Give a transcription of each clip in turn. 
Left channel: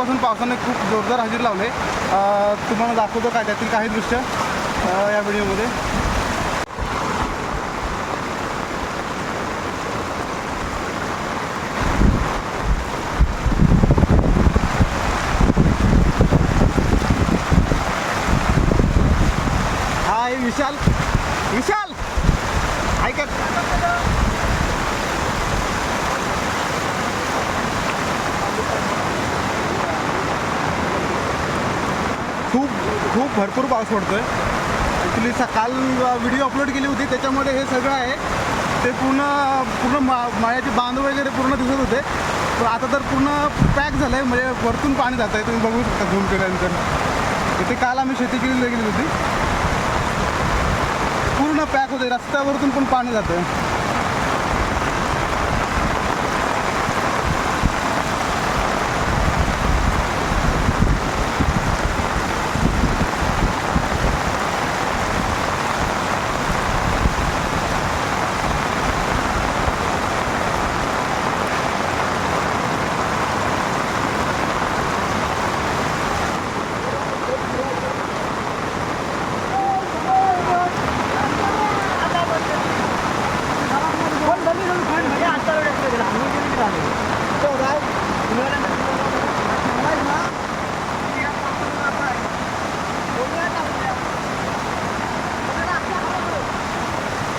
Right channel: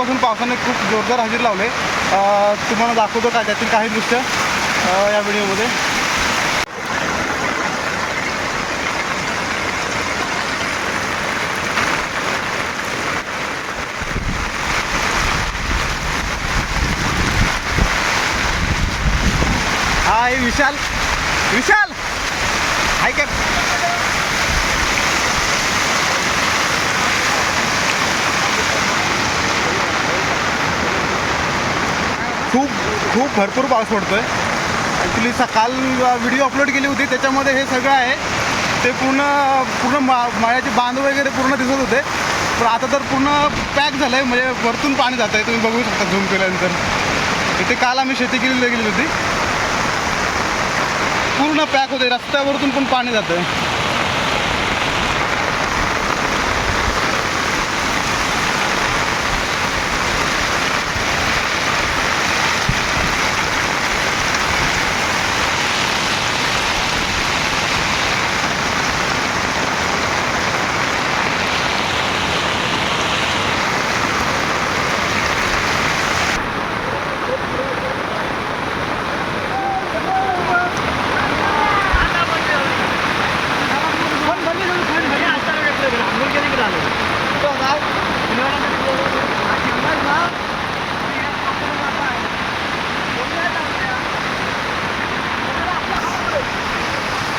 पासून पावसाने खूप जोरदार हजेरी लावले. तुम्हाला दाखवतो काय त्यातील काही दृश्य या व्हिडिओमध्ये. हाय विशाल. विशाल! हाय काय खूप खूप भरपूर पाऊस पडतोय. ॲक्च्युली सकाळ व्हिडिओ अपलोड केली होती. त्याच्यामध्ये हे सगळं आहे. ते पूर्ण पूर्ण मा माळ्याचे बांध वगैरे पूर्ण दिसत होते. पण आता तर पूर्ण पॅक झालं आहे म्हणजे वरतून पाणी जात आहे तुम्ही बघू शकता झूम केल्यानंतर. इथे काल आम्ही शेती केलेली गेली होती. पूर्ण पॅक होते रस्त्यावरतून पण पाणी जातं आहे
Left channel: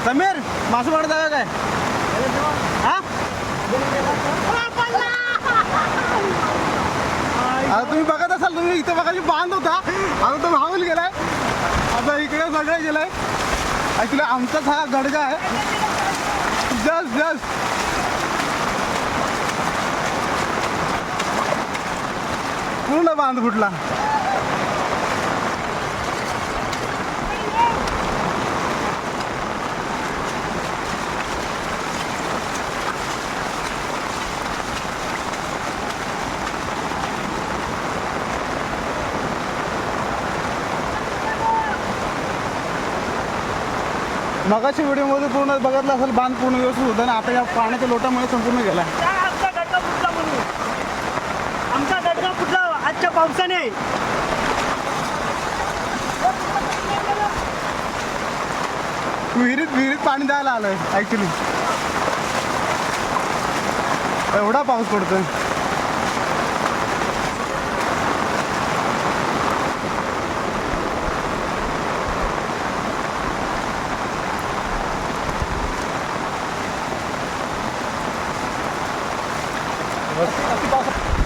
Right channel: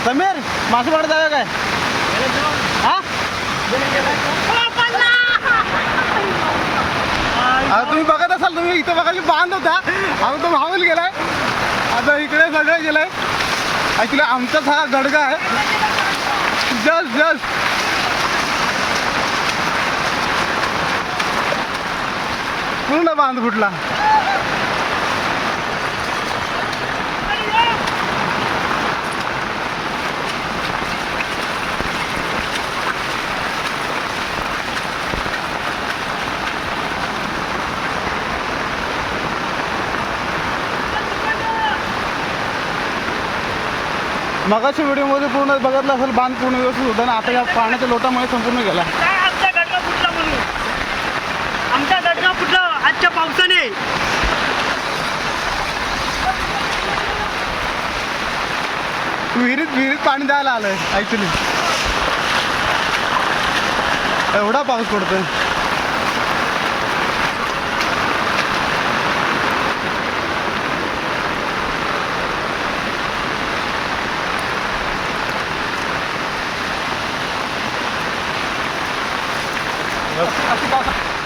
समीर मासे पकडत जाऊया काय? हा? आता तुम्ही बघत असाल तुम्ही इथं बघायची बांध होता. आता तो भाऊल गेलाय. आता इकडे सगळं गेलाय. ॲक्च्युली आमचाच हा गडगा आहे. जस्ट जस्ट पूर्ण बांध फुटला? मगाच्या व्हिडिओमध्ये पूर्ण बघितलं असेल बांध पूर्ण व्यवस्थित होता ना आता या पाण्याच्या लोटामुळे संपूर्ण गेला. आमचा गडगा फुटला म्हणून? आमचा गडगा फुटला आजच्या पावसाने? विहिरीत विहिरीत पाणी द्यायला आलंय ॲक्च्युली एवढा पाऊस पडतोय. मी बोललो